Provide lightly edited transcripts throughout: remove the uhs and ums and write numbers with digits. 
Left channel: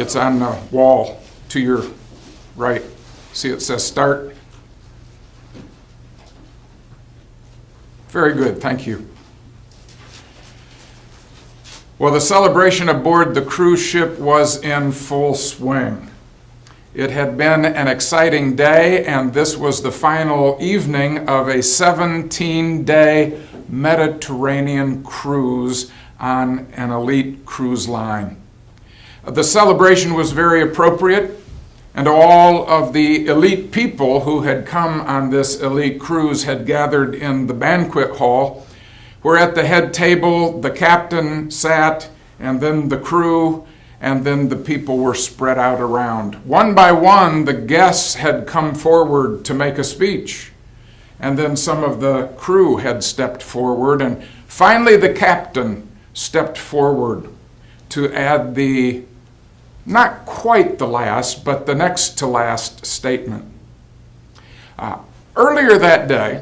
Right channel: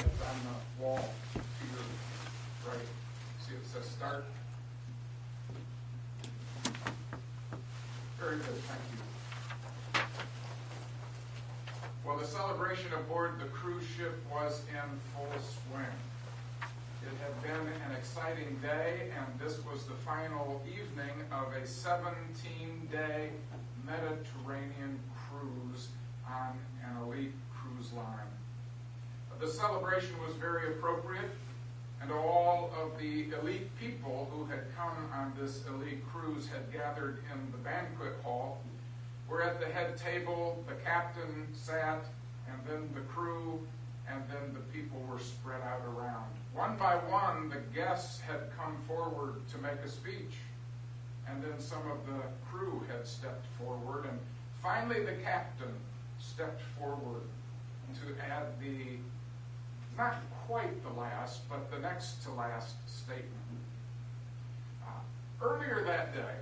It's on the wall to your right. See, it says start. Very good, thank you. Well, the celebration aboard the cruise ship was in full swing. It had been an exciting day, and this was the final evening of a 17-day Mediterranean cruise on an elite cruise line. The celebration was very appropriate, and all of the elite people who had come on this elite cruise had gathered in the banquet hall, where at the head table the captain sat, and then the crew, and then the people were spread out around. One by one, the guests had come forward to make a speech, and then some of the crew had stepped forward, and finally the captain stepped forward to add the, not quite the last, but the next to last statement. Earlier that day,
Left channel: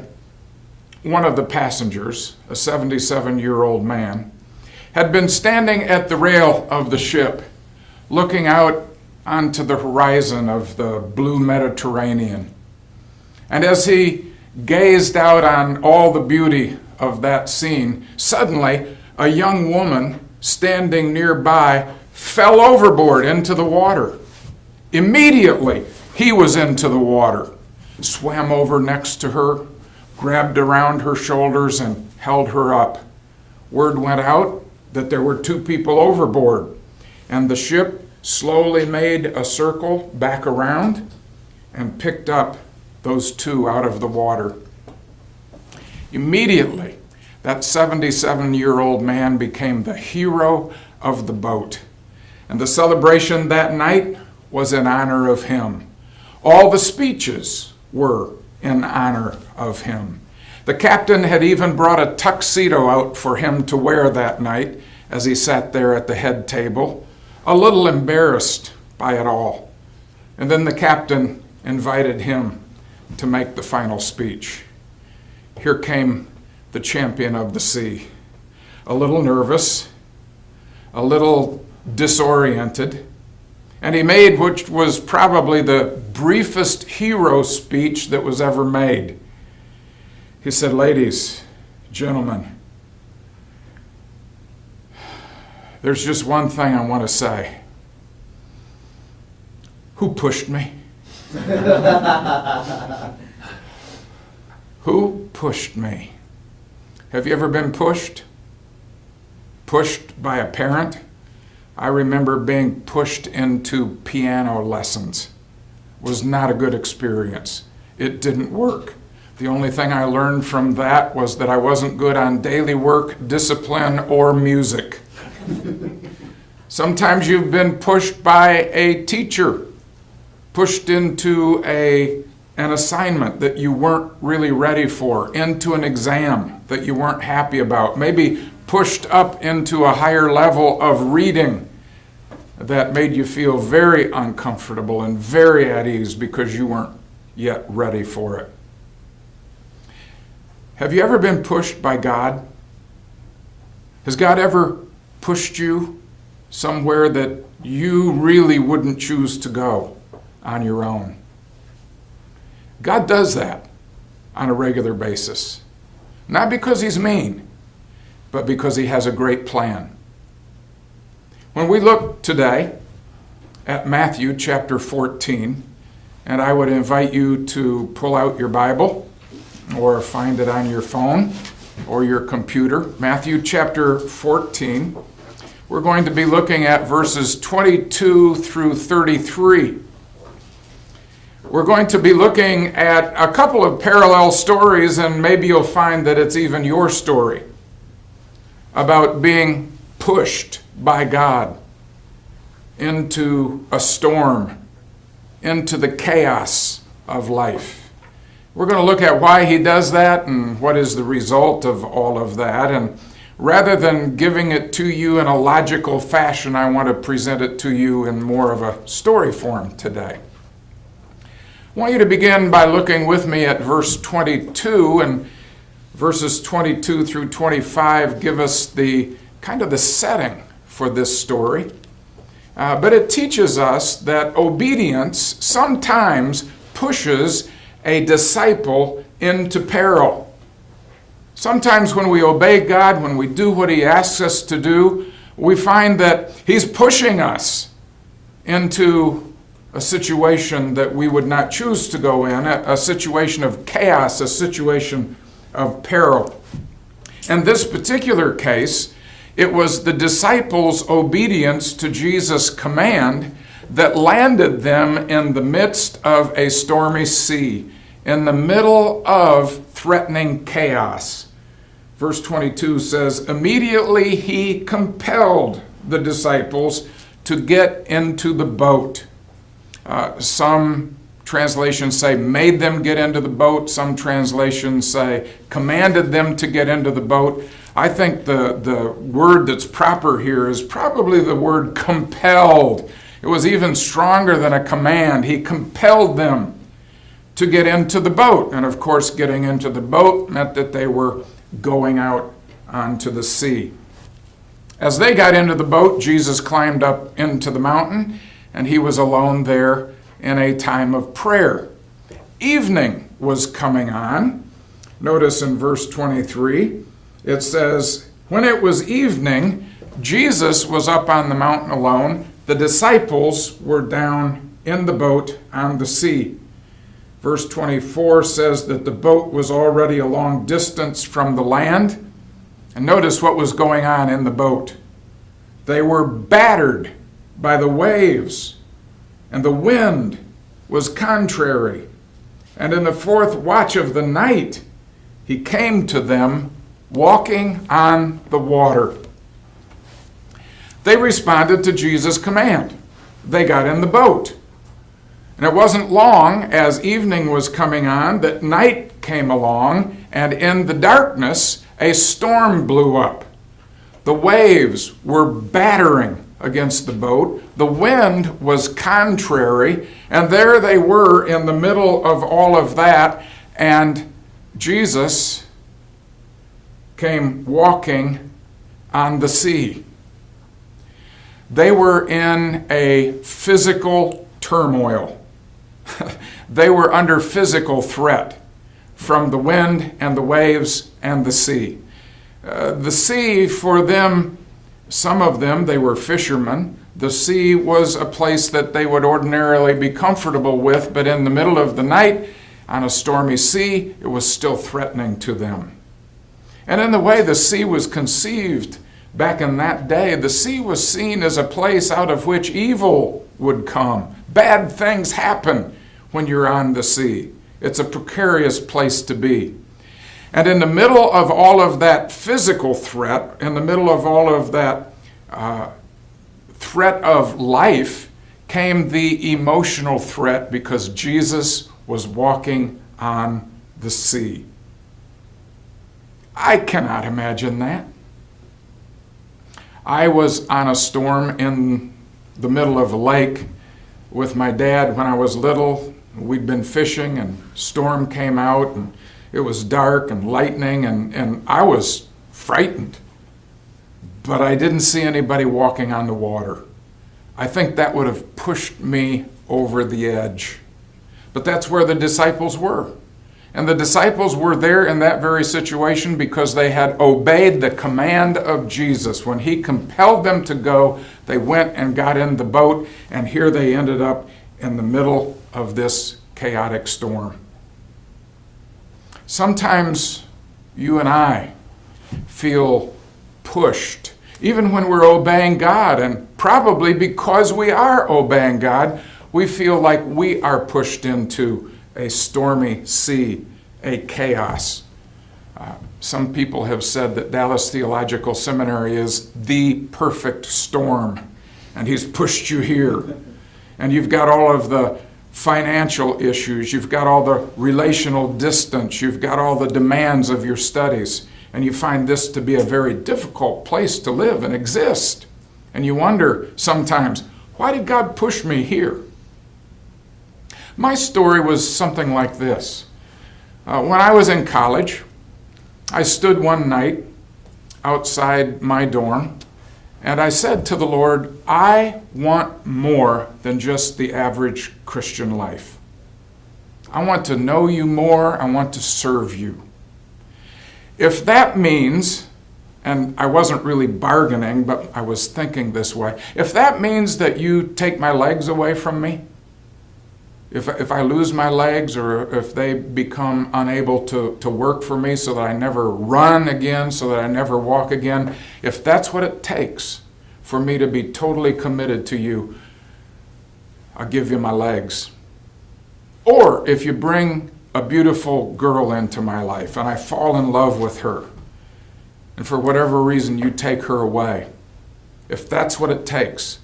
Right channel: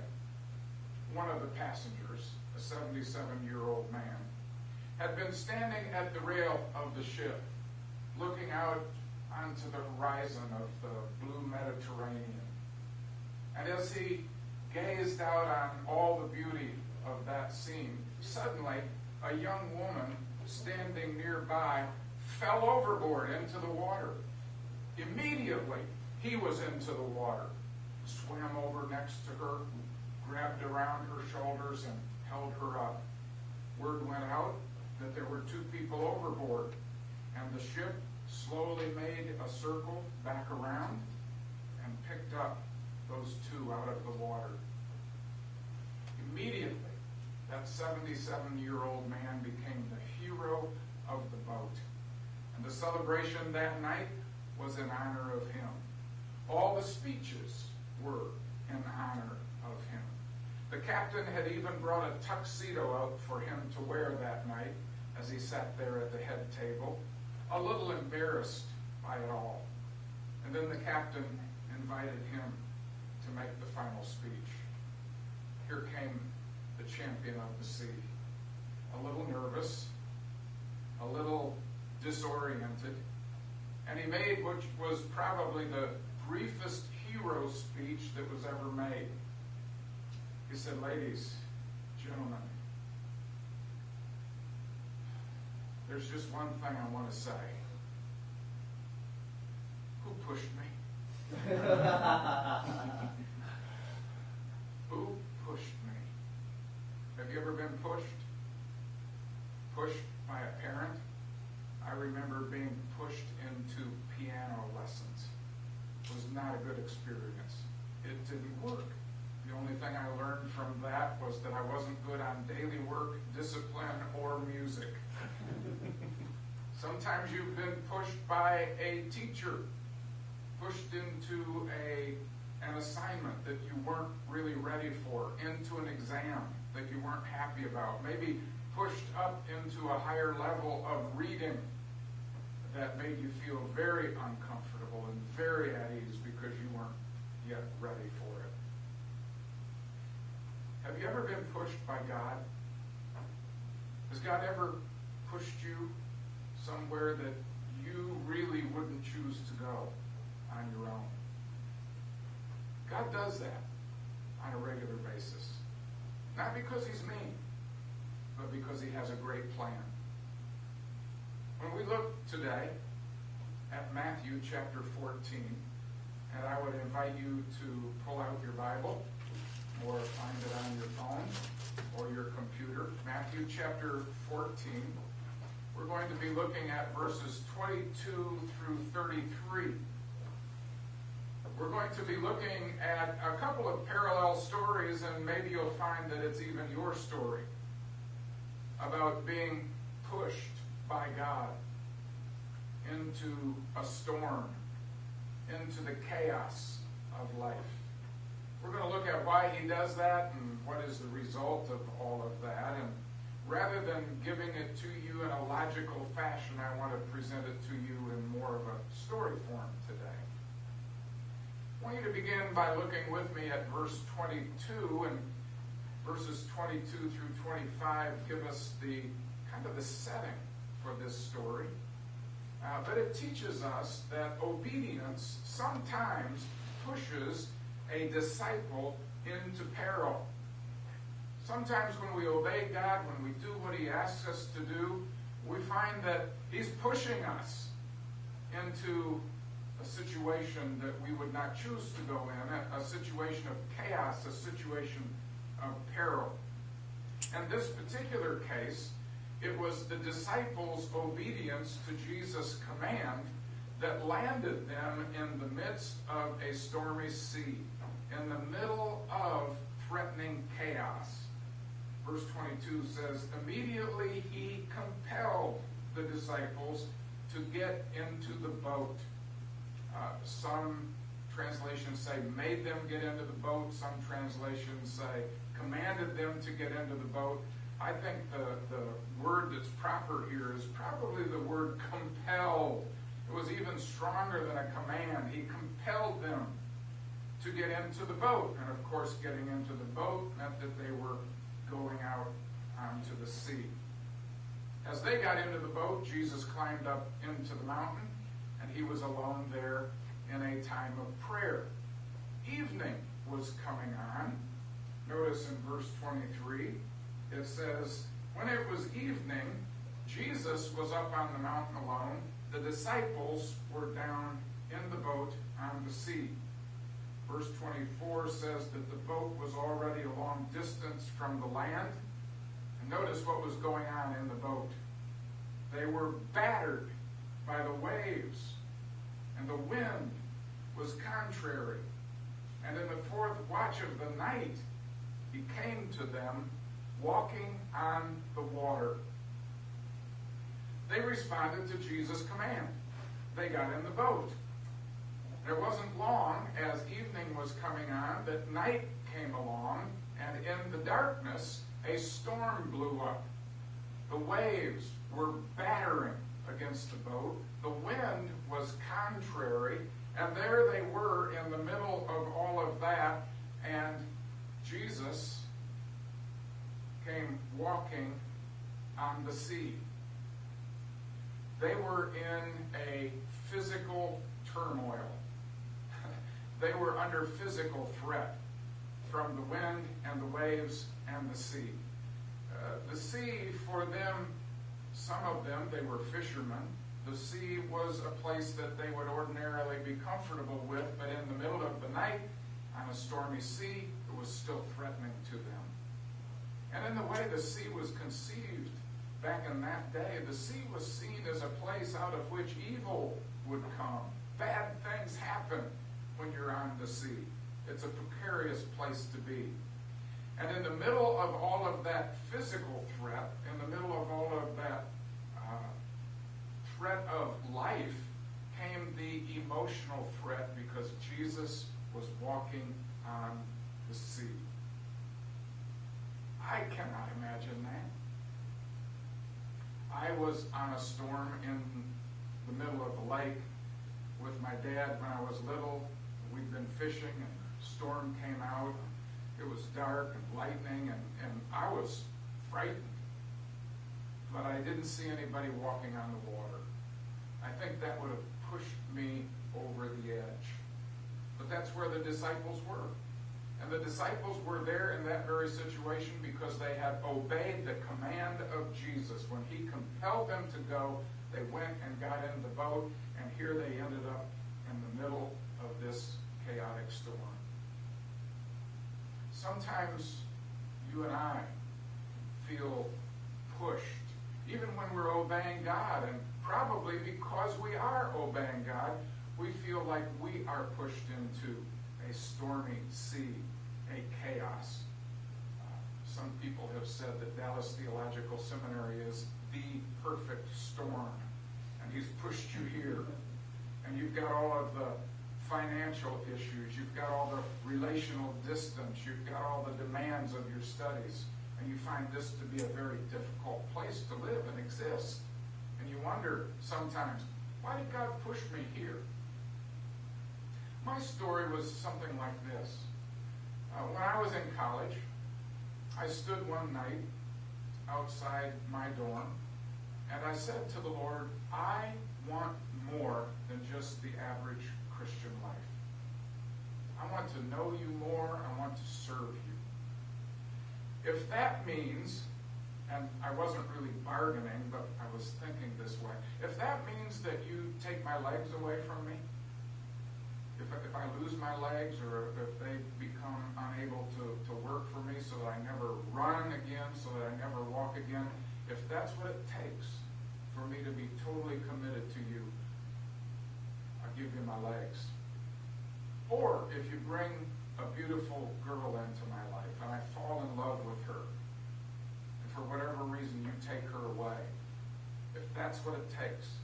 one of the passengers, a 77-year-old man, had been standing at the rail of the ship, looking out onto the horizon of the blue Mediterranean. And as he gazed out on all the beauty of that scene, suddenly a young woman standing nearby fell overboard into the water. Immediately, he was into the water, swam over next to her, grabbed around her shoulders, and held her up. Word went out that there were 2 people overboard, and the ship slowly made a circle back around and picked up those 2 out of the water. Immediately, that 77-year-old man became the hero of the boat, and the celebration that night was in honor of him. All the speeches were in honor of him. The captain had even brought a tuxedo out for him to wear that night as he sat there at the head table, a little embarrassed by it all. And then the captain invited him to make the final speech. Here came the champion of the sea, a little nervous, a little disoriented, and he made what was probably the briefest hero speech that was ever made. He said, "Ladies, gentlemen, there's just one thing I want to say. Who pushed me? Who pushed me?" Have you ever been pushed? Pushed by a parent? I remember being pushed into piano lessons. It was not a good experience. It didn't work. The only thing I learned from that was that I wasn't good on daily work, discipline, or music. Sometimes you've been pushed by a teacher, pushed into an assignment that you weren't really ready for, into an exam that you weren't happy about, maybe pushed up into a higher level of reading that made you feel very uncomfortable and very at ease because you weren't yet ready for it. Have you ever been pushed by God? Has God ever pushed you somewhere that you really wouldn't choose to go on your own? God does that on a regular basis. Not because he's mean, but because he has a great plan. When we look today at Matthew chapter 14, and I would invite you to pull out your Bible or find it on your phone or your computer. Matthew chapter 14. We're going to be looking at verses 22 through 33. We're going to be looking at a couple of parallel stories, and maybe you'll find that it's even your story about being pushed by God into a storm, into the chaos of life. We're going to look at why he does that and what is the result of all of that. And rather than giving it to you in a logical fashion, I want to present it to you in more of a story form today. I want you to begin by looking with me at verse 22, and verses 22 through 25 give us the kind of the setting for this story. but it teaches us that obedience sometimes pushes a disciple into peril. Sometimes when we obey God, when we do what He asks us to do, we find that He's pushing us into a situation that we would not choose to go in, a situation of chaos, a situation of peril. In this particular case, it was the disciples' obedience to Jesus' command that landed them in the midst of a stormy sea, in the middle of threatening chaos. Verse 22 says, "Immediately He compelled the disciples to get into the boat." Some translations say made them get into the boat. Some translations say commanded them to get into the boat. I think the word that's proper here is probably the word compelled. It was even stronger than a command. He compelled them to get into the boat. And of course, getting into the boat meant that they were going out onto the sea. As they got into the boat, Jesus climbed up into the mountain, and He was alone there in a time of prayer. Evening was coming on. Notice in verse 23, it says, "When it was evening, Jesus was up on the mountain alone. The disciples were down in the boat on the sea." Verse 24 says that the boat was already a long distance from the land. And notice what was going on in the boat. They were battered by the waves, and the wind was contrary. And in the fourth watch of the night, He came to them walking on the water. They responded to Jesus' command. They got in the boat. And it wasn't long, as evening was coming on, that night came along, and in the darkness, a storm blew up. The waves were battering against the boat. The wind was contrary, and there they were in the middle of all of that, and Jesus came walking on the sea. They were in a physical turmoil. They were under physical threat from the wind and the waves and the sea. The sea, for them, some of them, they were fishermen. The sea was a place that they would ordinarily be comfortable with, but in the middle of the night, on a stormy sea, it was still threatening to them. And in the way the sea was conceived back in that day, the sea was seen as a place out of which evil would come. Bad things happen when you're on the sea. It's a precarious place to be. And in the middle of all of that physical threat, in the middle of all of that threat of life, came the emotional threat because Jesus was walking on the sea. I cannot imagine that. I was on a storm in the middle of a lake with my dad when I was little. We'd been fishing and storm came out and it was dark and lightning and I was frightened. But I didn't see anybody walking on the water. I think that would have pushed me over the edge. But that's where the disciples were. And the disciples were there in that very situation because they had obeyed the command of Jesus. When He compelled them to go, they went and got in the boat, and here they ended up in the middle of this chaotic storm. Sometimes you and I feel pushed, even when we're obeying God, and probably because we are obeying God, we feel like we are pushed into a stormy sea, a chaos. Some people have said that Dallas Theological Seminary is the perfect storm, and He's pushed you here. And you've got all of the financial issues, you've got all the relational distance, you've got all the demands of your studies, and you find this to be a very difficult place to live and exist. And you wonder sometimes, why did God push me here? My story was something like this. When I was in college, I stood one night outside my dorm, And I said to the Lord, I want more than just the average Christian life. I want to know you more. I want to serve you. If that means, and I wasn't really bargaining, but I was thinking this way, if that means that you take my legs away from me, if I lose my legs or if they become unable to work for me so that I never run again, so that I never walk again, if that's what it takes for me to be totally committed to you, I'll give you my legs. Or if you bring a beautiful girl into my life and I fall in love with her, and for whatever reason you take her away, if that's what it takes,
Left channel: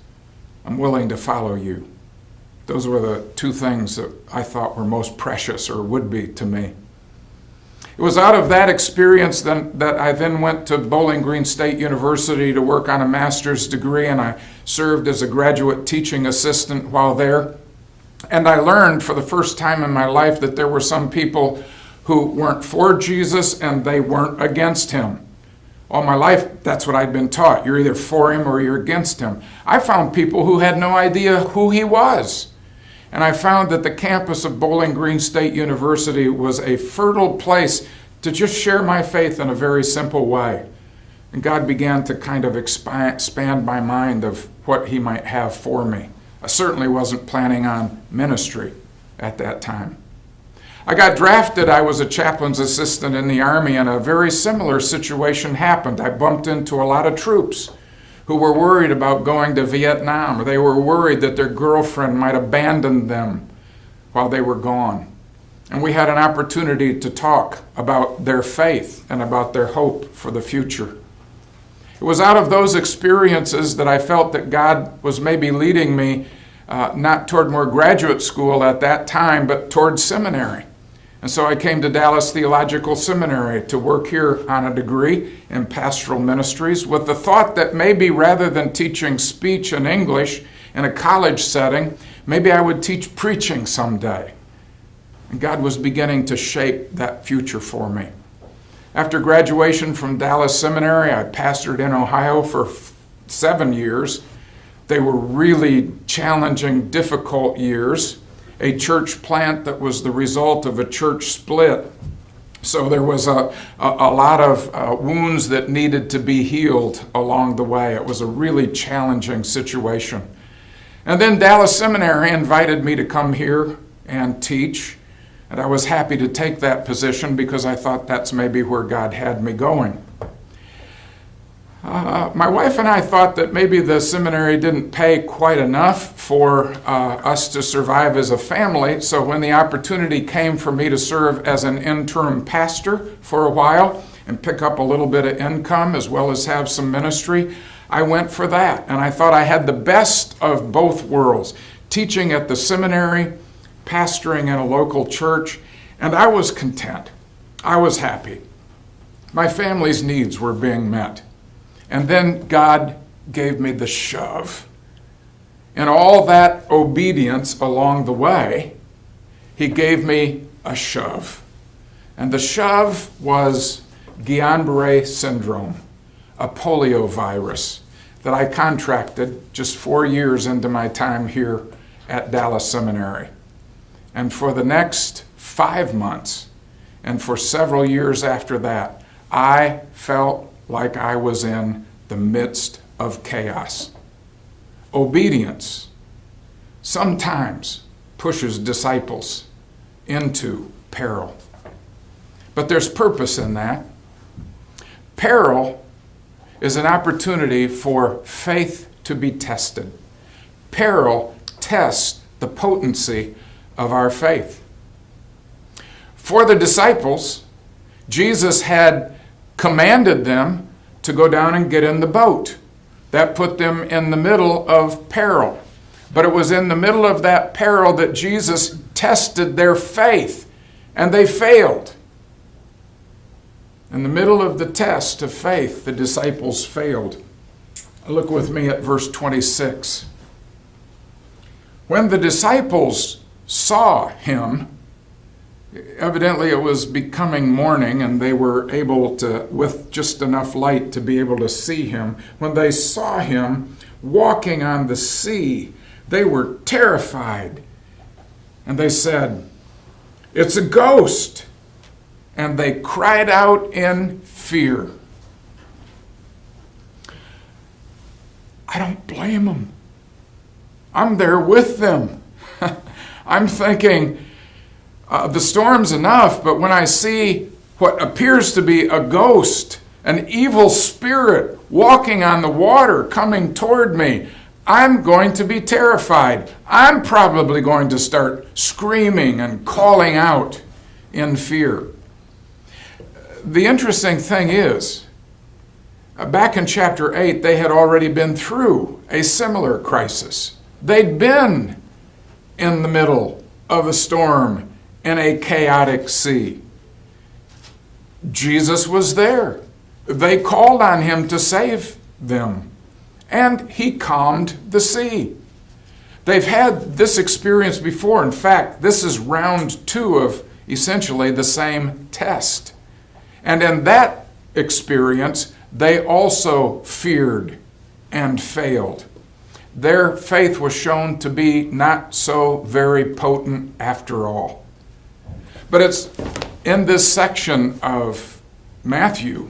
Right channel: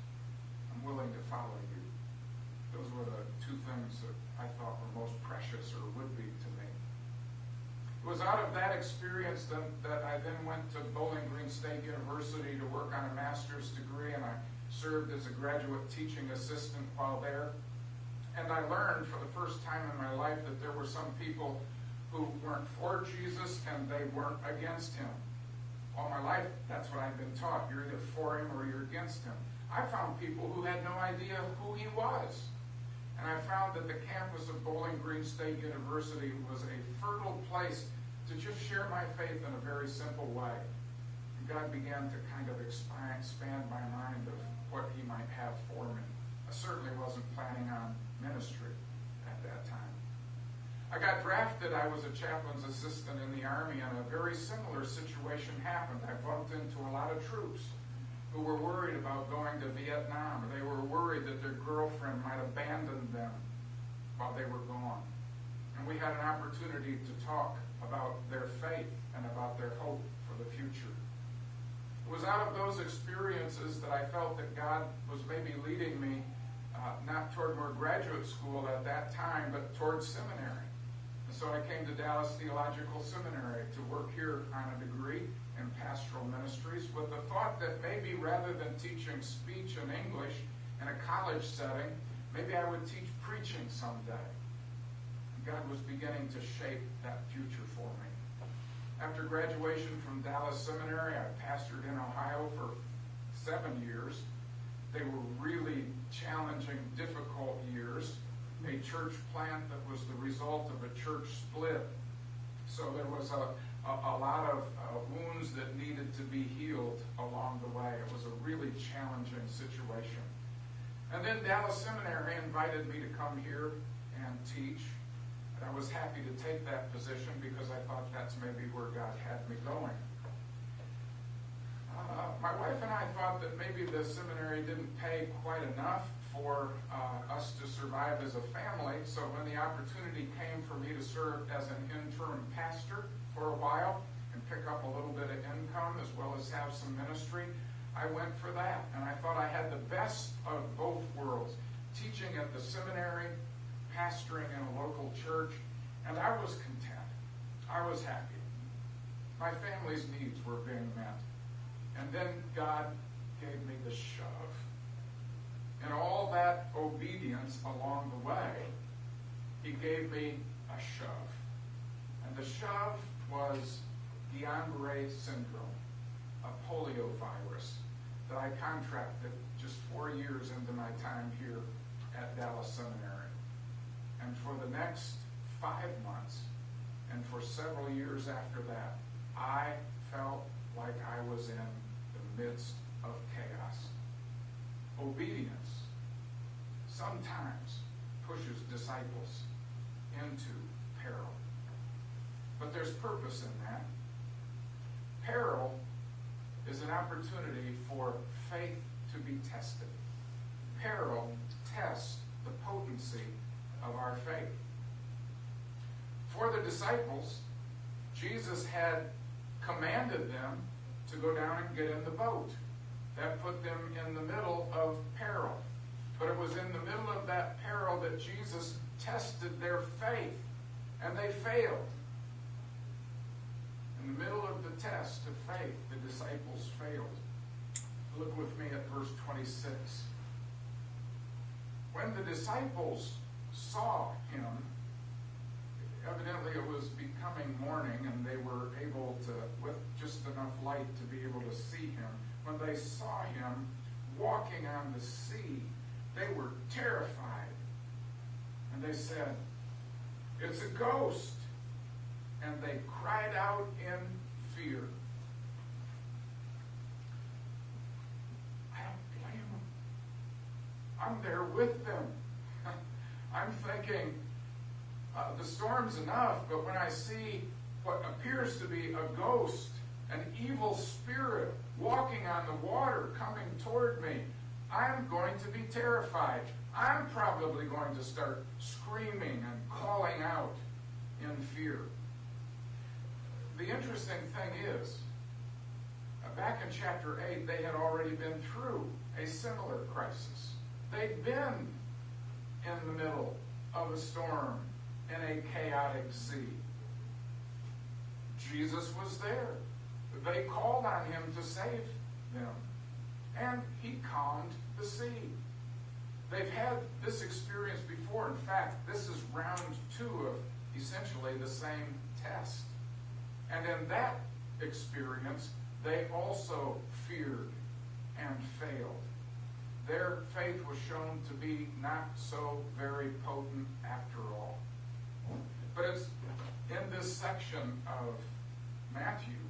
I'm willing to follow you. Those were the two things that I thought were most precious, or would be to me. It was out of that experience that I then went to Bowling Green State University to work on a master's degree, and I served as a graduate teaching assistant while there. And I learned for the first time in my life that there were some people who weren't for Jesus and they weren't against him. All my life, that's what I'd been taught. You're either for him or you're against him. I found people who had no idea who he was. And I found that the campus of Bowling Green State University was a fertile place to just share my faith in a very simple way. And God began to kind of expand my mind of what he might have for me. I certainly wasn't planning on ministry at that time. I got drafted. I was a chaplain's assistant in the Army, and a very similar situation happened. I bumped into a lot of troops who were worried about going to Vietnam, or they were worried that their girlfriend might abandon them while they were gone. And we had an opportunity to talk about their faith and about their hope for the future. It was out of those experiences that I felt that God was maybe leading me not toward more graduate school at that time, but toward seminary. And so I came to Dallas Theological Seminary to work here on a degree in Pastoral Ministries with the thought that maybe rather than teaching speech and English in a college setting, maybe I would teach preaching someday. And God was beginning to shape that future for me. After graduation from Dallas Seminary, I pastored in Ohio for 7 years. They were really challenging, difficult years. A church plant that was the result of a church split. So there was a lot of wounds that needed to be healed along the way. It was a really challenging situation. And then Dallas Seminary invited me to come here and teach. And I was happy to take that position because I thought that's maybe where God had me going. My wife and I thought that maybe the seminary didn't pay quite enough for us to survive as a family, so when the opportunity came for me to serve as an interim pastor for a while and pick up a little bit of income as well as have some ministry, I went for that. And I thought I had the best of both worlds, teaching at the seminary, pastoring in a local church, and I was content. I was happy. My family's needs were being met. And then God gave me the shove. And all that obedience along the way, he gave me a shove. And the shove was Guillain-Barré syndrome, a polio virus that I contracted just 4 years into my time here at Dallas Seminary. And for the next 5 months, and for several years after that, I felt like I was in the midst of chaos. Obedience sometimes pushes disciples into peril. But there's purpose in that. Peril is an opportunity for faith to be tested. Peril tests the potency of our faith. For the disciples, Jesus had commanded them to go down and get in the boat. That put them in the middle of peril. But it was in the middle of that peril that Jesus tested their faith, and they failed. In the middle of the test of faith, the disciples failed. Look with me at verse 26. When the disciples saw him, Evidently it was becoming morning, and they were able to, with just enough light, to be able to see him. When they saw him walking on the sea, they were terrified. And they said, "It's a ghost." And they cried out in fear. I don't blame them. I'm there with them. I'm thinking, the storm's enough, but when I see what appears to be a ghost, an evil spirit walking on the water coming toward me, I'm going to be terrified. I'm probably going to start screaming and calling out in fear. The interesting thing is, back in chapter 8, they had already been through a similar crisis. They'd been in the middle of a storm in a chaotic sea. Jesus was there. They called on him to save them, and he calmed the sea. They've had this experience before. In fact, this is round 2 of essentially the same test. And in that experience, they also feared and failed. Their faith was shown to be not so very potent after all. But it's in this section of Matthew,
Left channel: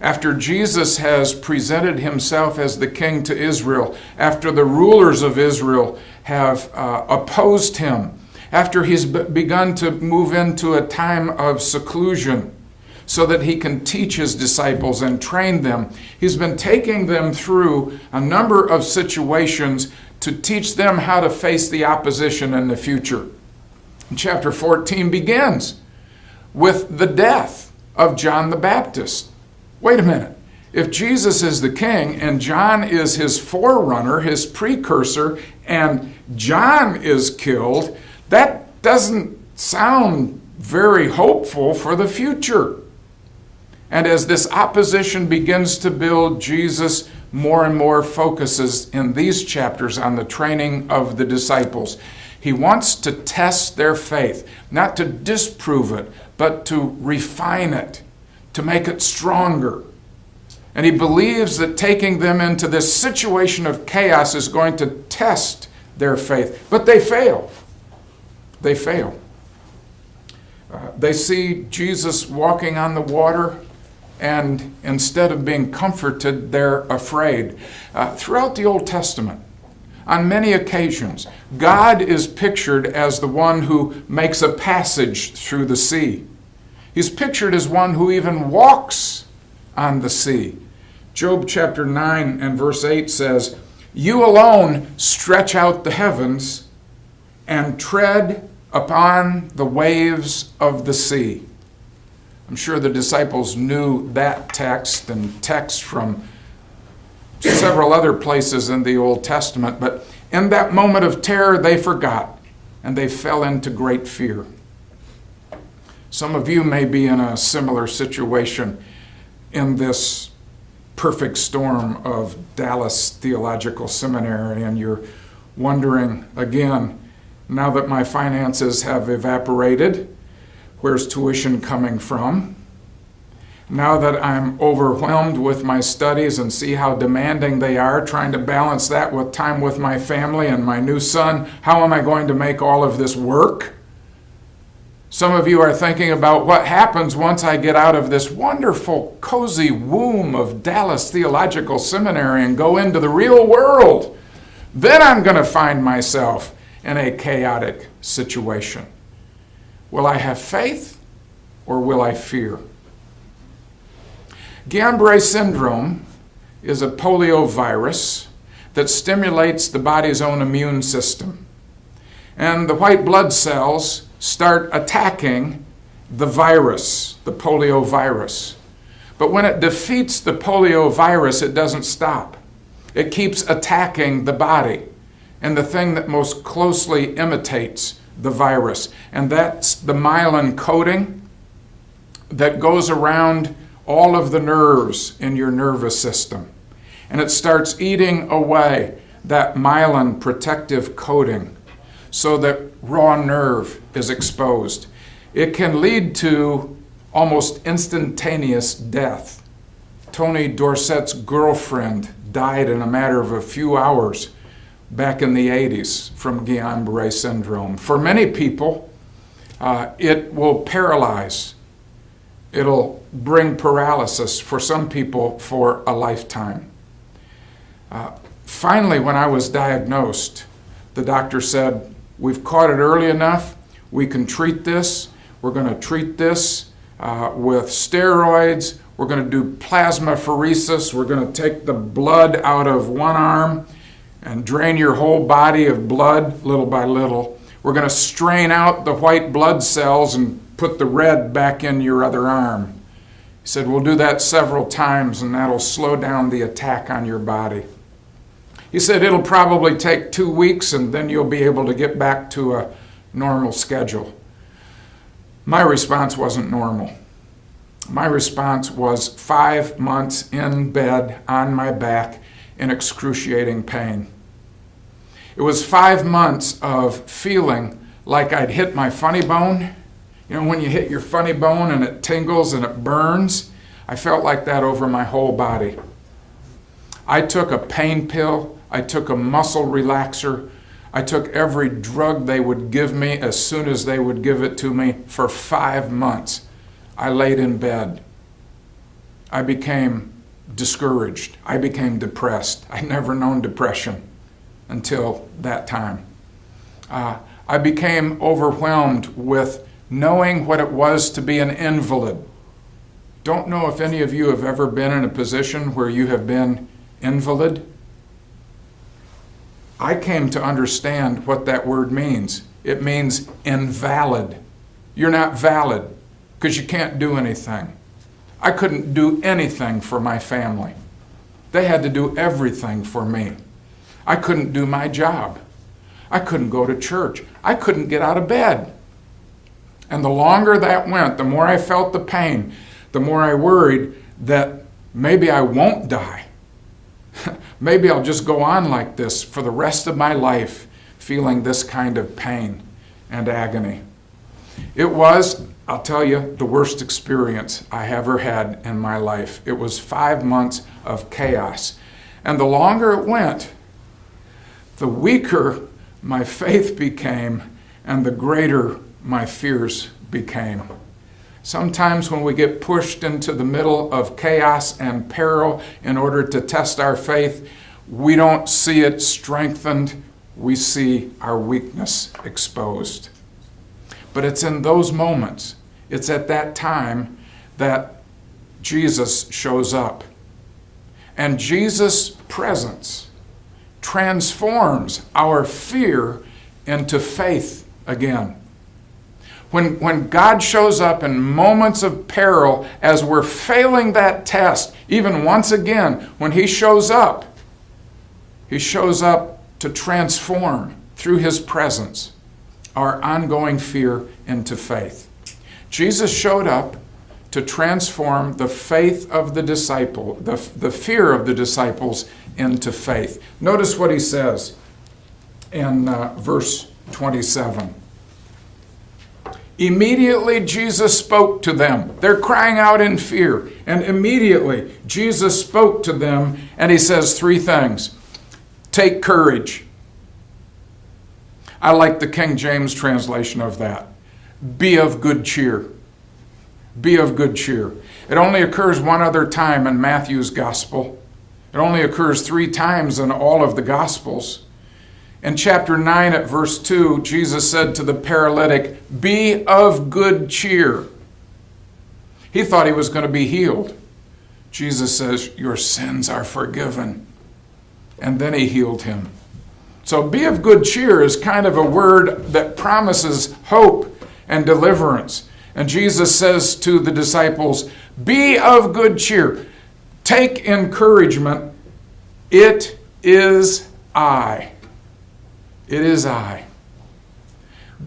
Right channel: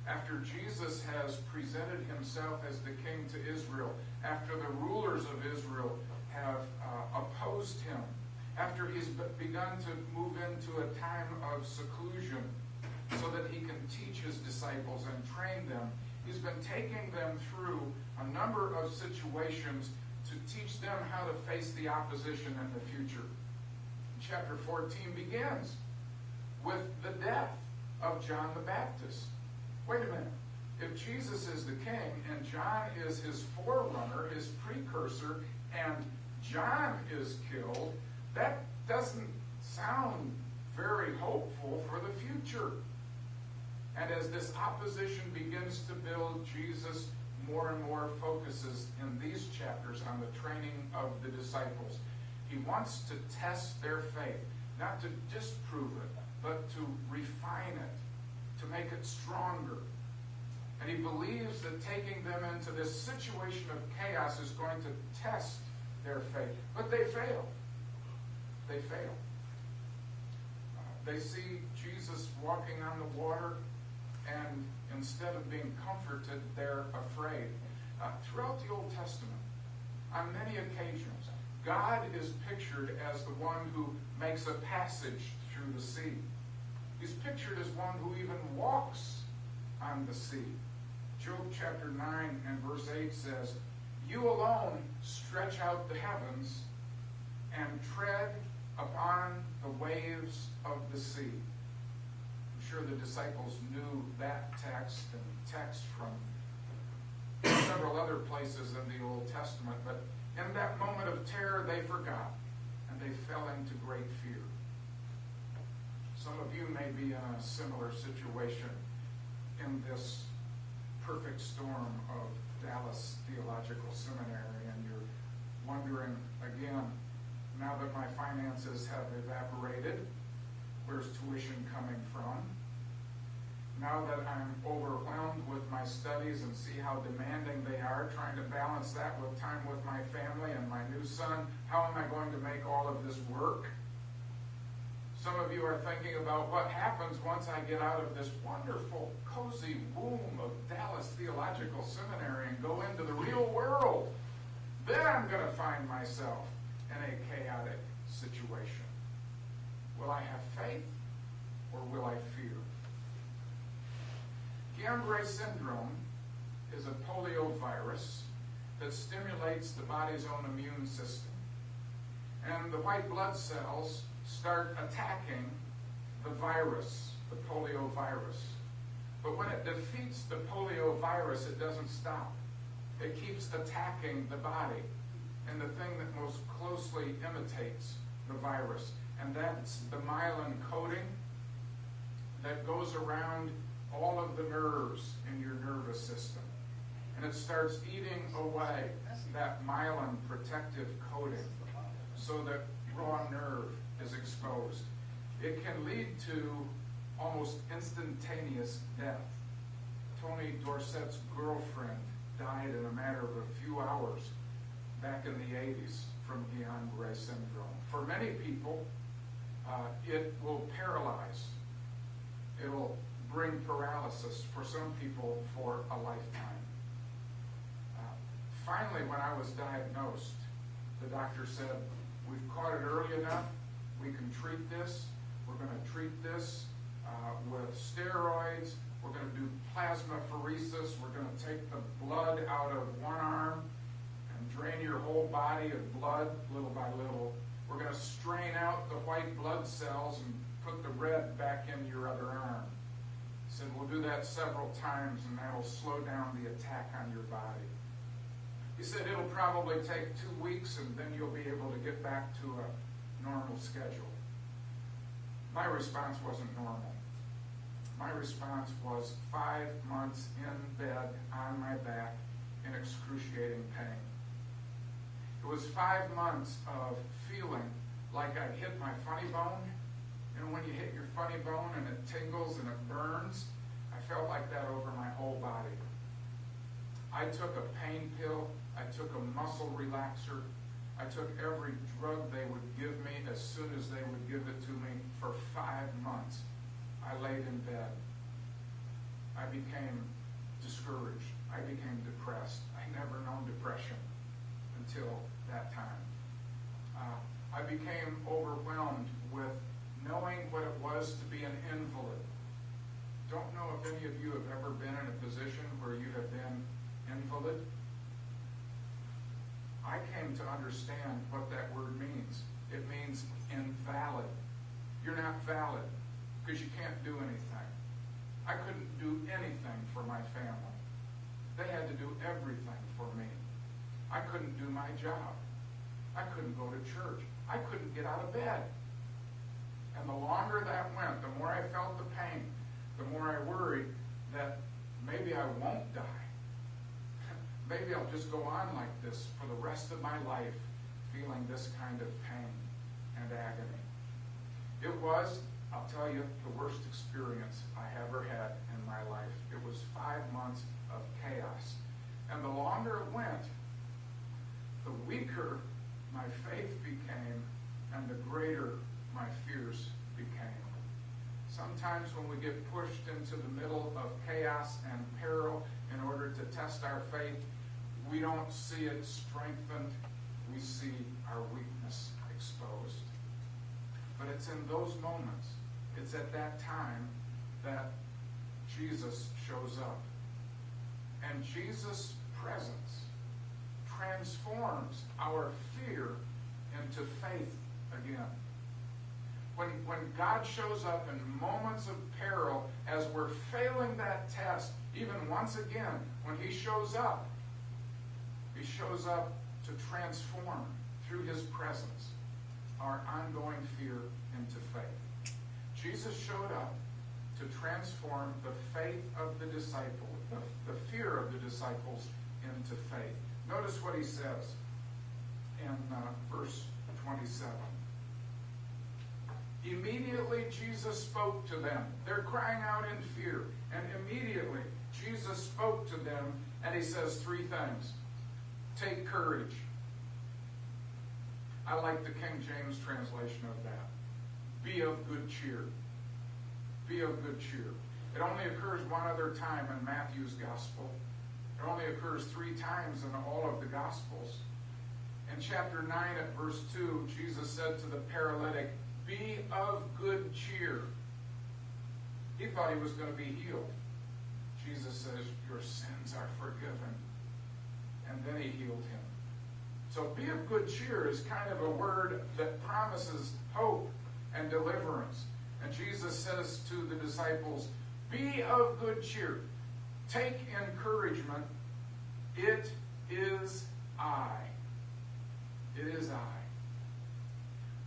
after Jesus has presented himself as the king to Israel, after the rulers of Israel have opposed him, after he's begun to move into a time of seclusion so that he can teach his disciples and train them, he's been taking them through a number of situations to teach them how to face the opposition in the future. Chapter 14 begins with the death of John the Baptist. Wait a minute. If Jesus is the king and John is his forerunner, his precursor, and John is killed, that doesn't sound very hopeful for the future. And as this opposition begins to build, Jesus more and more focuses in these chapters on the training of the disciples. He wants to test their faith, not to disprove it, but to refine it, to make it stronger. And he believes that taking them into this situation of chaos is going to test their faith. But they fail. They fail. They see Jesus walking on the water, and instead of being comforted, they're afraid. Throughout the Old Testament, on many occasions, God is pictured as the one who makes a passage through the sea. He's pictured as one who even walks on the sea. Job chapter 9 and verse 8 says, "You alone stretch out the heavens and tread upon the waves of the sea." I'm sure the disciples knew that text and texts from several other places in the Old Testament, but in that moment of terror, they forgot, and they fell into great fear. Some of you may be in a similar situation in this perfect storm of Dallas Theological Seminary, and you're wondering, again, now that my finances have evaporated, where's tuition coming from? Now that I'm overwhelmed with my studies and see how demanding they are, trying to balance that with time with my family and my new son, how am I going to make all of this work? Some of you are thinking about what happens once I get out of this wonderful, cozy womb of Dallas Theological Seminary and go into the real world. Then I'm going to find myself in a chaotic situation. Will I have faith or will I fear? Guillain-Barré syndrome is a poliovirus that stimulates the body's own immune system. And the white blood cells start attacking the virus, the poliovirus. But when it defeats the poliovirus, it doesn't stop. It keeps attacking the body and the thing that most closely imitates the virus. And that's the myelin coating that goes around all of the nerves in your nervous system. And it starts eating away that myelin protective coating so that raw nerve is exposed. It can lead to almost instantaneous death. Tony Dorsett's girlfriend died in a matter of a few hours back in the 80s from Guillain-Barré syndrome. For many people, it will paralyze. It'll bring paralysis, for some people, for a lifetime. Finally, when I was diagnosed, the doctor said, we've caught it early enough, we can treat this. We're going to treat this with steroids. We're going to do plasmapheresis. We're going to take the blood out of one arm and drain your whole body of blood little by little. We're going to strain out the white blood cells and put the red back in your other arm. He said, we'll do that several times and that'll slow down the attack on your body. He said, it'll probably take 2 weeks and then you'll be able to get back to a normal schedule. My response wasn't normal. My response was 5 months in bed on my back in excruciating pain. It was 5 months of feeling like I'd hit my funny bone. You know, when you hit your funny bone and it tingles and it burns, I felt like that over my whole body. I took a pain pill, I took a muscle relaxer, I took every drug they would give me as soon as they would give it to me for 5 months. I laid in bed. I became discouraged. I became depressed. I'd never known depression until that time. I became overwhelmed with knowing what it was to be an invalid. Don't know if any of you have ever been in a position where you have been invalid. I came to understand what that word means. It means invalid. You're not valid because you can't do anything. I couldn't do anything for my family. They had to do everything for me. I couldn't do my job. I couldn't go to church. I couldn't get out of bed. And the longer that went, the more I felt the pain, the more I worried that maybe I won't die. Maybe I'll just go on like this for the rest of my life, feeling this kind of pain and agony. It was, I'll tell you, the worst experience I ever had in my life. It was 5 months of chaos. And the longer it went, the weaker my faith became and the greater my fears became. Sometimes when we get pushed into the middle of chaos and peril in order to test our faith, we don't see it strengthened, we see our weakness exposed. But it's in those moments, it's at that time that Jesus shows up. And Jesus' presence transforms our fear into faith again. When God shows up in moments of peril, as we're failing that test, even once again, when He shows up to transform through His presence our ongoing fear into faith. Jesus showed up to transform the faith of the disciple, the fear of the disciples into faith. Notice what He says in verse 27. Immediately Jesus spoke to them. They're crying out in fear. And immediately Jesus spoke to them and He says 3 things. Take courage. I like the King James translation of that. Be of good cheer. Be of good cheer. It only occurs one other time in Matthew's gospel. It only occurs 3 times in all of the gospels. In chapter 9 at verse 2, Jesus said to the paralytic, be of good cheer. He thought he was going to be healed. Jesus says, your sins are forgiven. And then He healed him. So be of good cheer is kind of a word that promises hope and deliverance. And Jesus says to the disciples, be of good cheer. Take encouragement. It is I. It is I.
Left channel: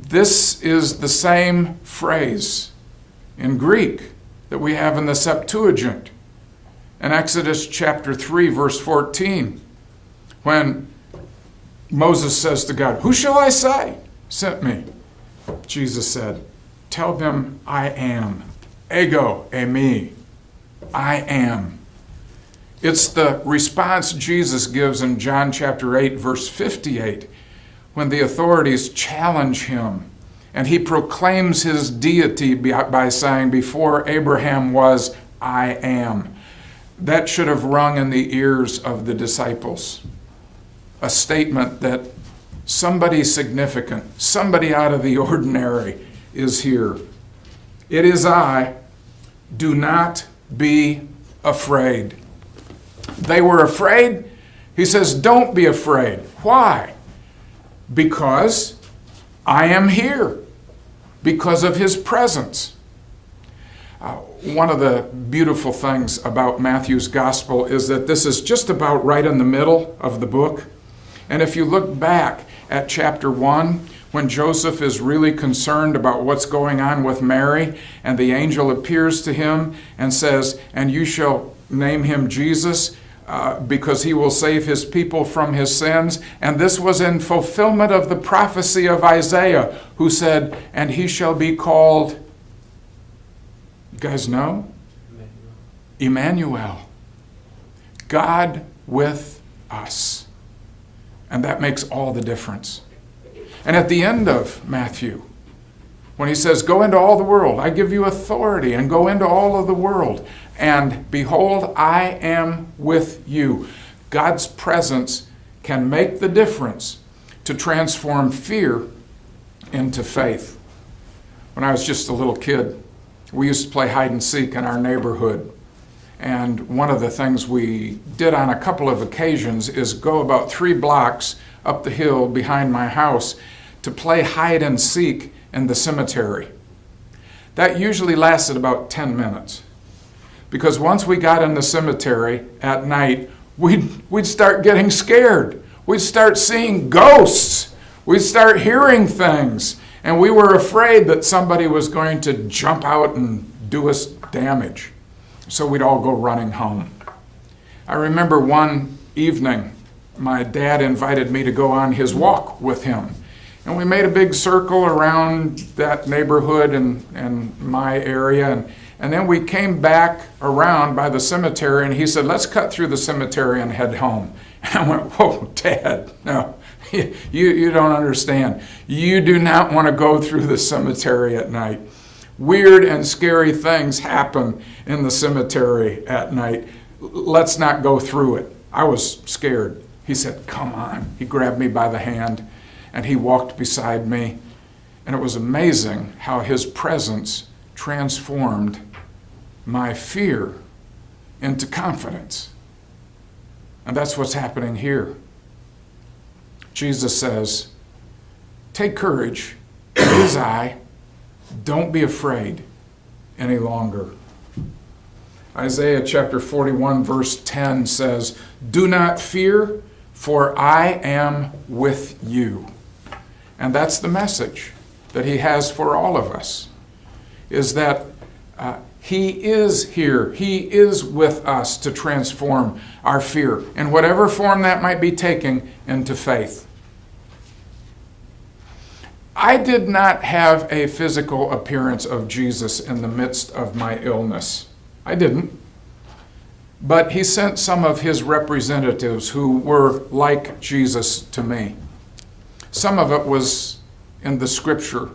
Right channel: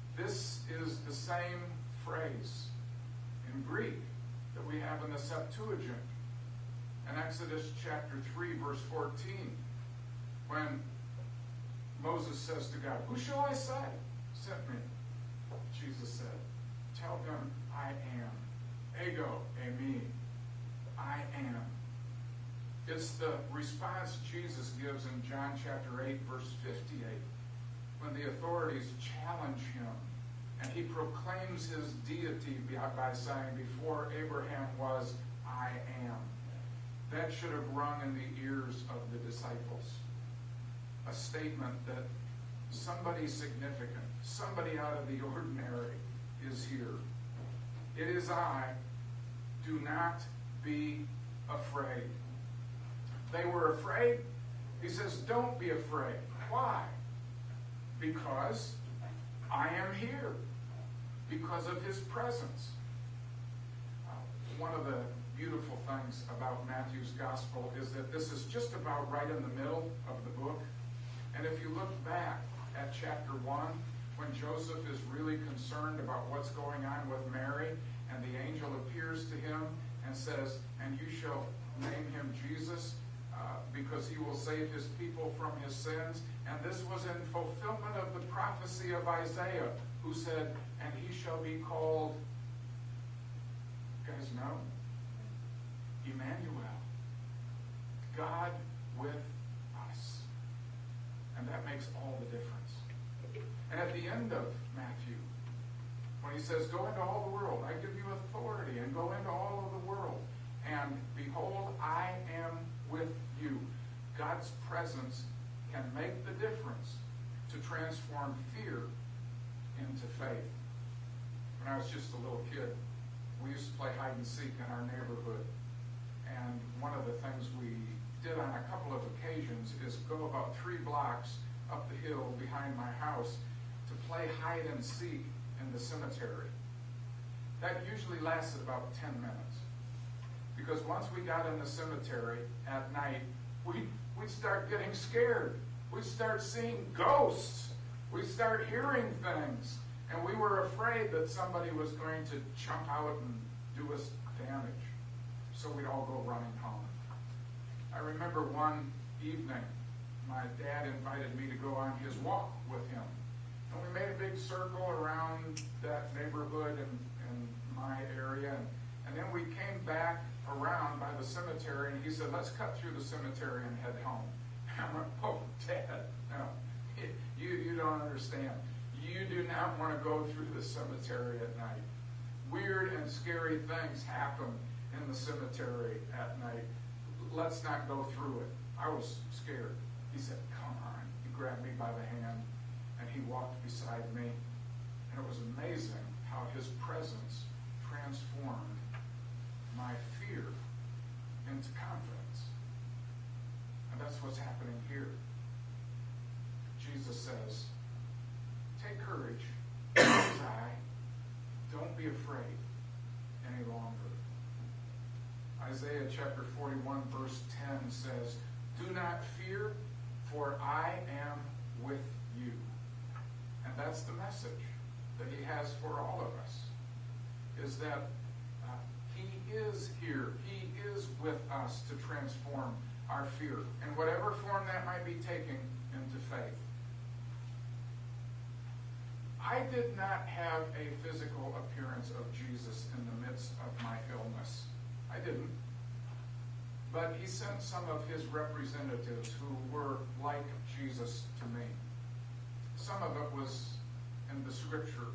This is the same phrase in Greek that we have in the Septuagint. In Exodus chapter 3, verse 14, when Moses says to God, who shall I say sent me? Jesus said, Tell them I am. Ego, eimi. I am. It's the response Jesus gives in John chapter 8, verse 58, when the authorities challenge him, and he proclaims his deity by saying, before Abraham was, I am. That should have rung in the ears of the disciples. A statement that somebody significant, somebody out of the ordinary is here. It is I. Do not be afraid. They were afraid. He says, don't be afraid. Why? Because I am here. Because of his presence. One of the beautiful things about Matthew's gospel is that this is just about right in the middle of the book. And if you look back at chapter 1, when Joseph is really concerned about what's going on with Mary, and the angel appears to him and says, and you shall name him Jesus, because he will save his people from his sins. And this was in fulfillment of the prophecy of Isaiah, who said, and he shall be called, you guys know? Emmanuel. God with us. And that makes all the difference. And at the end of Matthew, when he says, go into all the world, I give you authority, and go into all of the world, and behold, I am with you. God's presence can make the difference to transform fear into faith. When I was just a little kid, we used to play hide and seek in our neighborhood. And one of the things we did on a couple of occasions is go about 3 blocks up the hill behind my house to play hide and seek in the cemetery. That usually lasted about 10 minutes. Because once we got in the cemetery at night, we'd start getting scared. We'd start seeing ghosts. We'd start hearing things. And we were afraid that somebody was going to jump out and do us damage. So we'd all go running home. I remember one evening, my dad invited me to go on his walk with him. And we made a big circle around that neighborhood and my area. And then we came back around by the cemetery, and he said, let's cut through the cemetery and head home. And I went, whoa, Dad, no, you don't understand. You do not want to go through the cemetery at night. Weird and scary things happen in the cemetery at night. Let's not go through it. I was scared. He said, come on. He grabbed me by the hand, and he walked beside me. And it was amazing how his presence transformed my fear into confidence. And that's what's happening here. Jesus says, take courage, it is I. Don't be afraid any longer. Isaiah chapter 41 verse 10 says, do not fear, for I am with you. And that's the message that he has for all of us, is that he is here. He is with us to transform our fear, in whatever form that might be taking, into faith. I did not have a physical appearance of Jesus in the midst of my illness. I didn't. But he sent some of his representatives who were like Jesus to me. Some of it was in the scripture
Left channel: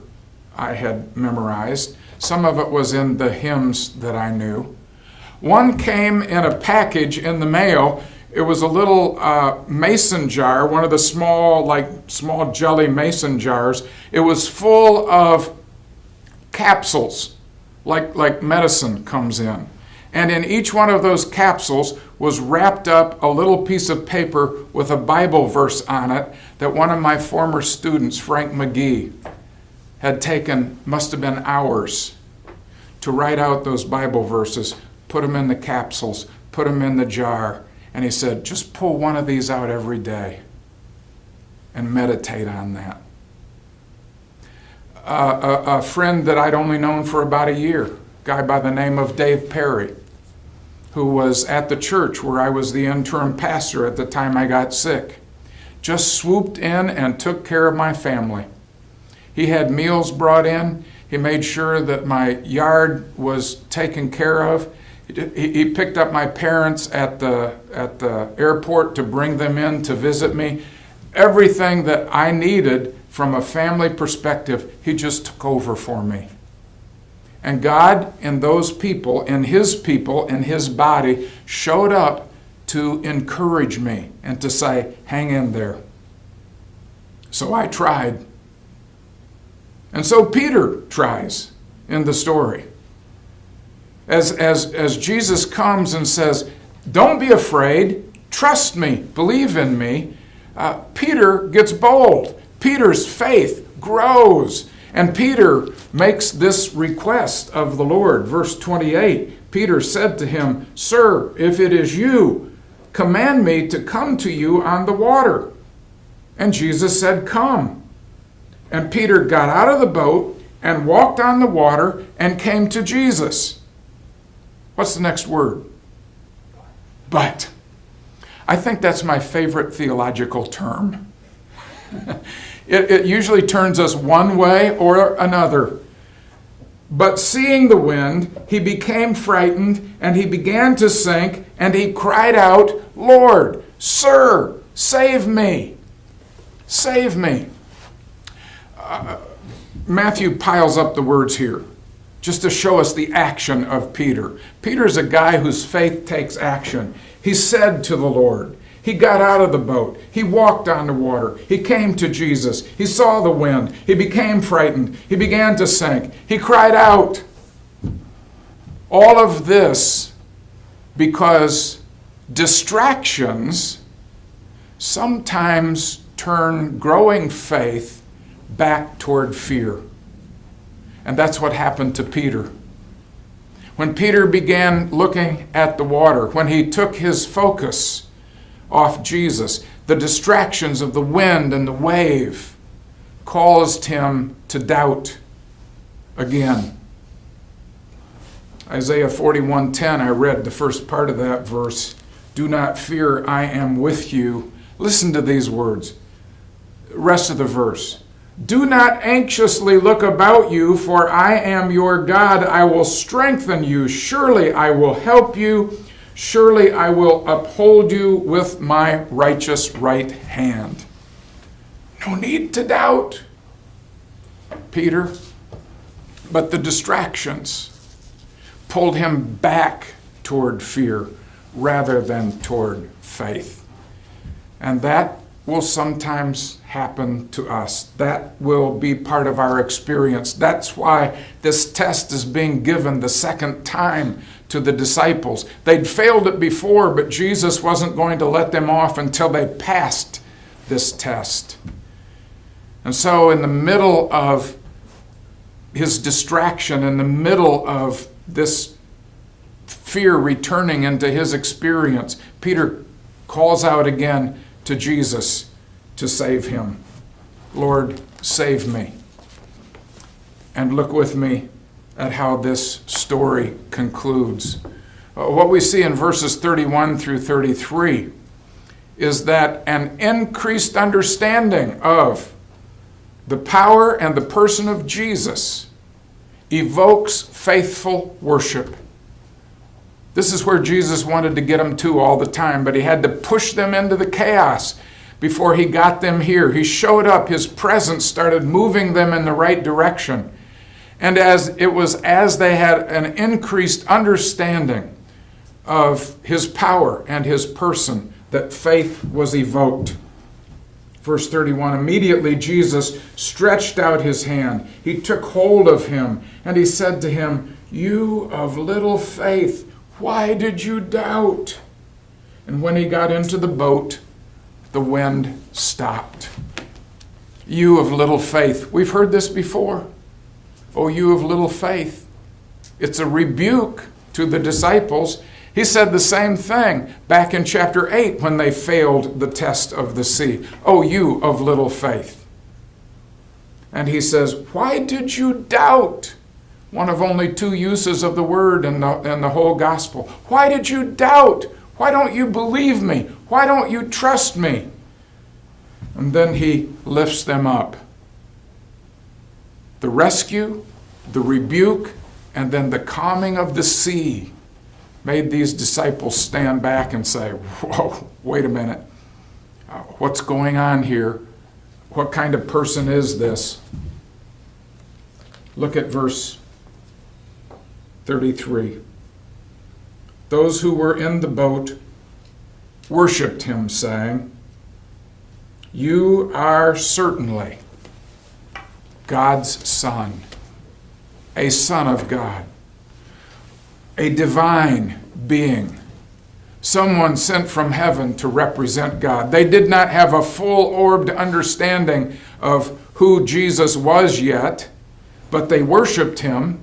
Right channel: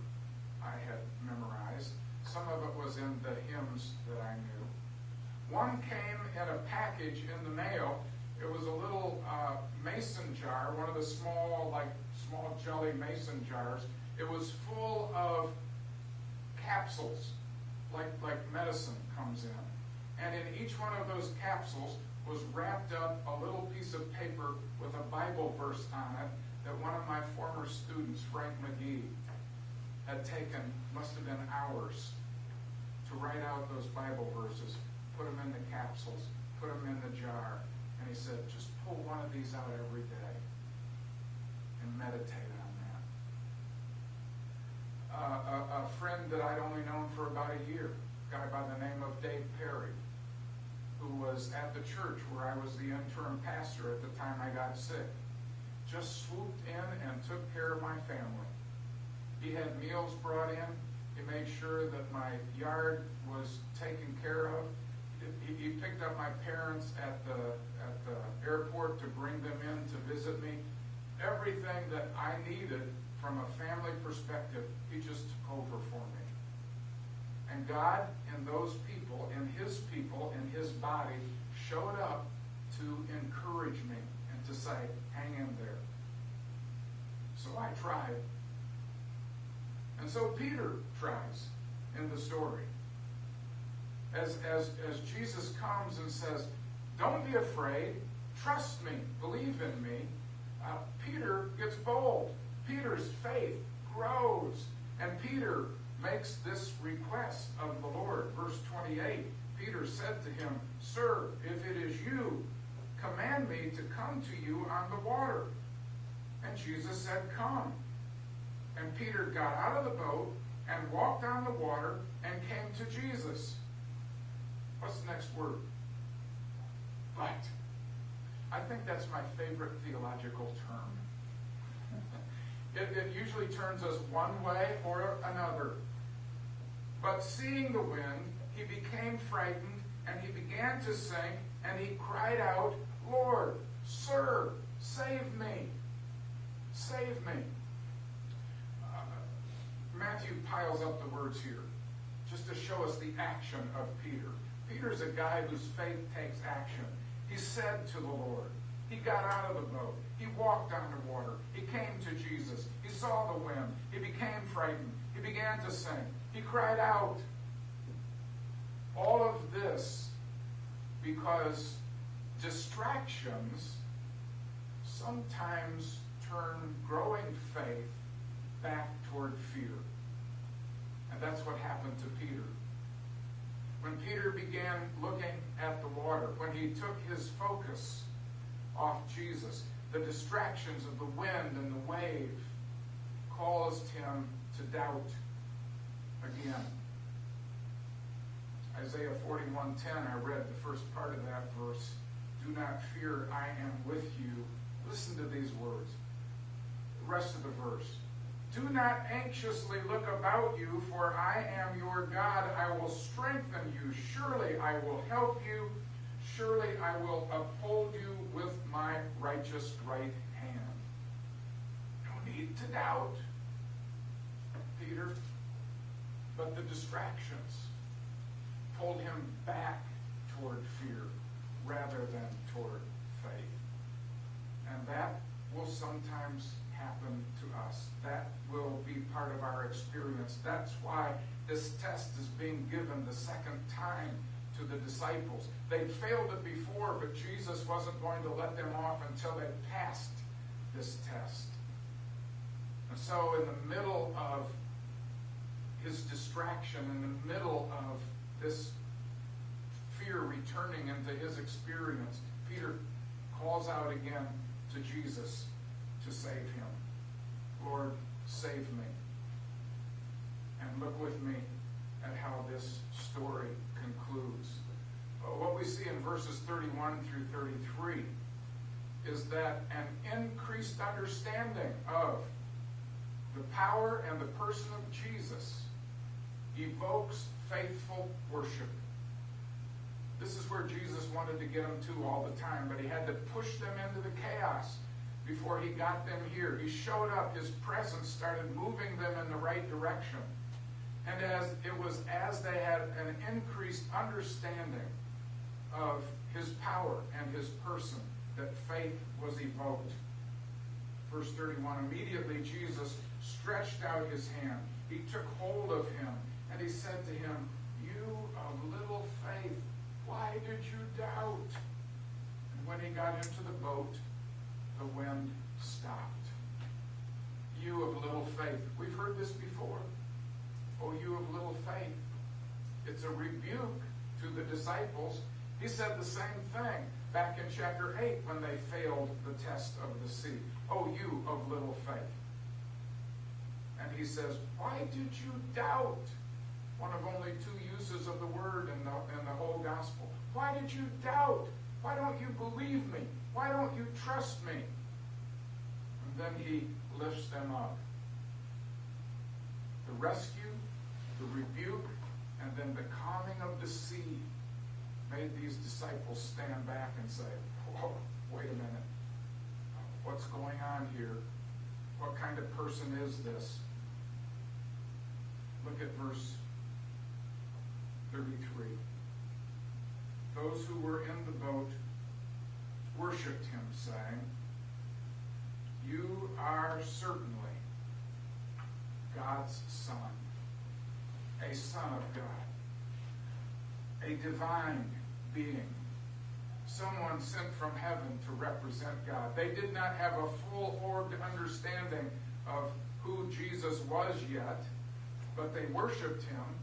I had memorized. Some of it was in the hymns that I knew. One came in a package in the mail. It was a little mason jar, one of the small jelly mason jars. It was full of capsules, like medicine comes in. And in each one of those capsules was wrapped up a little piece of paper with a Bible verse on it that one of my former students, Frank McGee, had taken, must have been hours, to write out those Bible verses, put them in the capsules, put them in the jar. And he said, just pull one of these out every day and meditate on that. A friend that I'd only known for about a year, a guy by the name of Dave Perry, who was at the church where I was the interim pastor at the time I got sick, just swooped in and took care of my family. He had meals brought in. He made sure that my yard was taken care of. He picked up my parents at the airport to bring them in to visit me. Everything that I needed from a family perspective, he just took over for me. And God, in those people, in his body, showed up to encourage me and to say, hang in there. So I tried. And so Peter tries in the story. As Jesus comes and says, don't be afraid, trust me, believe in me, Peter gets bold. Peter's faith grows. And Peter makes this request of the Lord. Verse 28, Peter said to him, Sir, if it is you, command me to come to you on the water. And Jesus said, Come. And Peter got out of the boat and walked on the water and came to Jesus. What's the next word? But. I think that's my favorite theological term. It usually turns us one way or another. But seeing the wind, he became frightened, and he began to sink, and he cried out, Lord, Sir, save me. Save me. Matthew piles up the words here just to show us the action of Peter. Peter's a guy whose faith takes action. He said to the Lord, he got out of the boat. He walked on the water. He came to Jesus. He saw the wind. He became frightened. He began to sink. He cried out. All of this because distractions sometimes turn growing faith back toward fear. And that's what happened to Peter. When Peter began looking at the water, when he took his focus off Jesus, the distractions of the wind and the wave caused him to doubt again. Isaiah 41:10, I read the first part of that verse. Do not fear, I am with you. Listen to these words. Rest of the verse. Do not anxiously look about you, for I am your God. I will strengthen you. Surely I will help you. Surely I will uphold you with my righteous right hand. No need to doubt, Peter. But the distractions pulled him back toward fear rather than toward faith. And that will sometimes happen to us. That will be part of our experience. That's why this test is being given the second time to the disciples. They'd failed it before, but Jesus wasn't going to let them off until they passed this test. And so in the middle of his distraction, in the middle of this fear returning into his experience, Peter calls out again to Jesus to save him. Lord, save me. And look with me at how this story concludes. What we see in verses 31 through 33 is that an increased understanding of the power and the person of Jesus evokes faithful worship. This is where Jesus wanted to get them to all the time, but he had to push them into the chaos before he got them here. He showed up, his presence started moving them in the right direction. And as they had an increased understanding of his power and his person, that faith was evoked. Verse 31, immediately Jesus stretched out his hand. He took hold of him, and he said to him, You of little faith, why did you doubt? And when he got into the boat, the wind stopped. You of little faith. We've heard this before. Oh, you of little faith. It's a rebuke to the disciples. He said the same thing back in chapter 8 when they failed the test of the sea. Oh, you of little faith. And he says, why did you doubt? One of only two uses of the word in the whole gospel. Why did you doubt? Why don't you believe me? Why don't you trust me? And then he lifts them up. The rescue the rebuke, and then the calming of the sea made these disciples stand back and say, whoa, wait a minute. What's going on here? What kind of person is this? Look at verse 33. Those who were in the boat worshiped him, saying, "You are certainly God's Son, a Son of God, a divine being, someone sent from heaven to represent God." They did not have a full-orbed understanding of who Jesus was yet, but they worshiped him.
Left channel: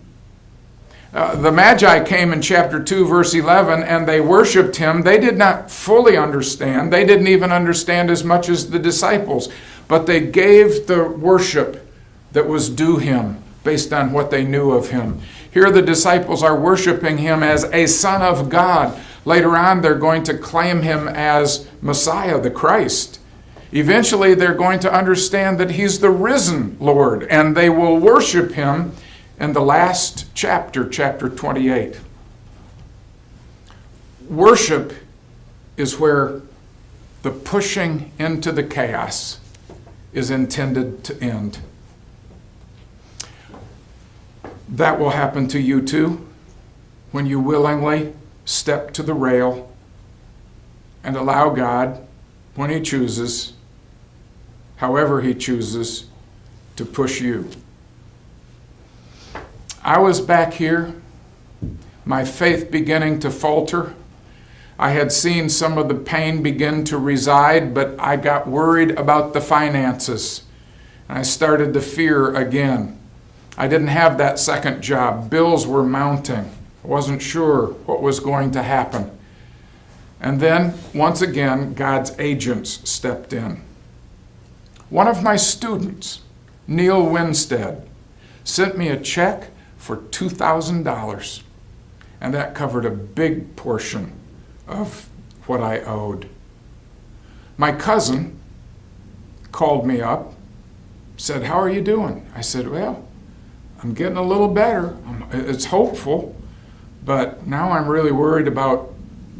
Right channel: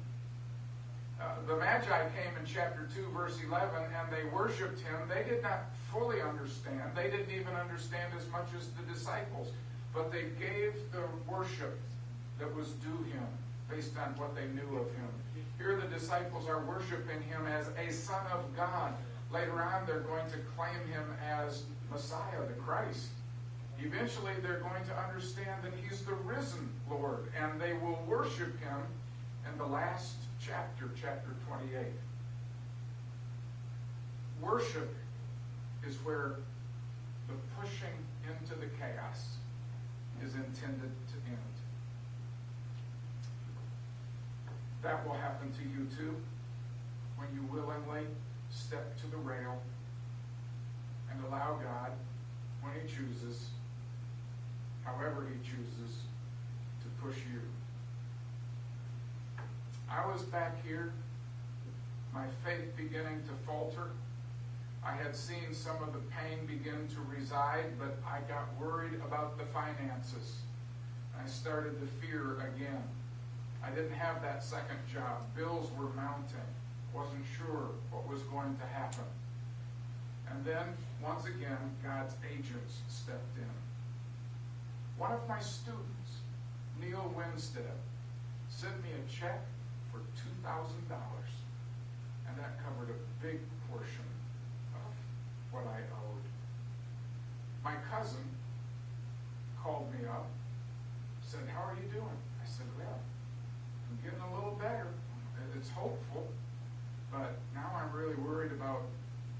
The Magi came in chapter 2, verse 11, and they worshiped him. They did not fully understand. They didn't even understand as much as the disciples, but they gave the worship that was due him based on what they knew of him. Here the disciples are worshiping him as a Son of God. Later on, they're going to claim him as Messiah, the Christ. Eventually, they're going to understand that he's the risen Lord, and they will worship him in the last chapter, chapter 28. Worship is where the pushing into the chaos is intended to end. That will happen to you too when you willingly step to the rail and allow God, when he chooses, however he chooses, to push you. I was back here, my faith beginning to falter. I had seen some of the pain begin to reside, but I got worried about the finances. And I started to fear again. I didn't have that second job. Bills were mounting. I wasn't sure what was going to happen. And then, once again, God's agents stepped in. One of my students, Neil Winstead, sent me a check for $2,000, and that covered a big portion of what I owed. My cousin called me up, said, "How are you doing?" I said, "Well, I'm getting a little better. It's hopeful, but now I'm really worried about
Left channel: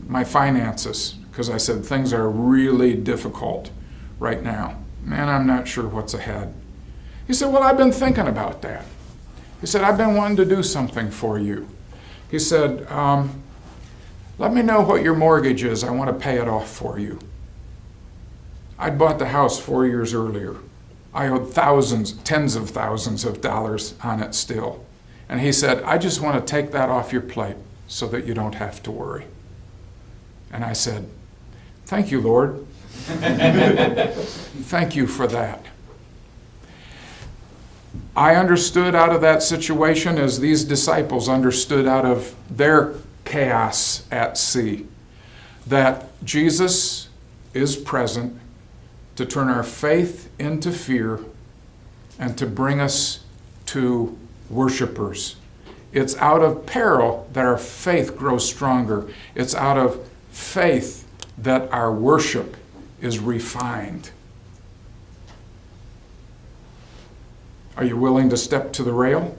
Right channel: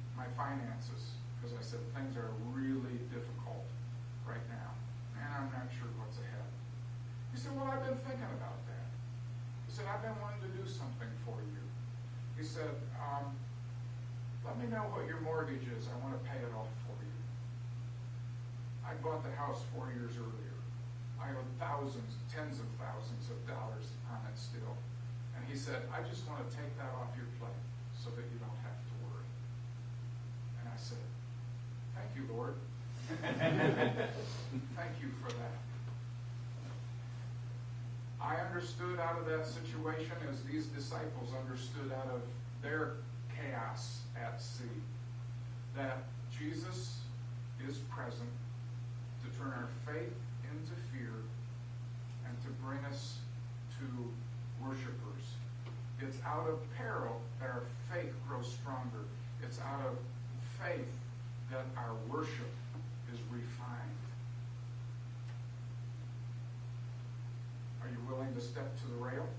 my finances," because I said things are really difficult right now. Man, I'm not sure what's ahead. He said, "Well, I've been thinking about that." He said, "I've been wanting to do something for you." He said, "Let me know what your mortgage is. I want to pay it off for you." I'd bought the house 4 years earlier. I owed thousands, tens of thousands of dollars on it still. And he said, "I just want to take that off your plate so that you don't have to worry." And I said, "Thank you, Lord." Thank you for that. I understood out of that situation as these disciples understood out of their chaos at sea, that Jesus is present to turn our faith into fear and to bring us to worshipers. It's out of peril that our faith grows stronger. It's out of faith that our worship is refined. Are you willing to step to the rail?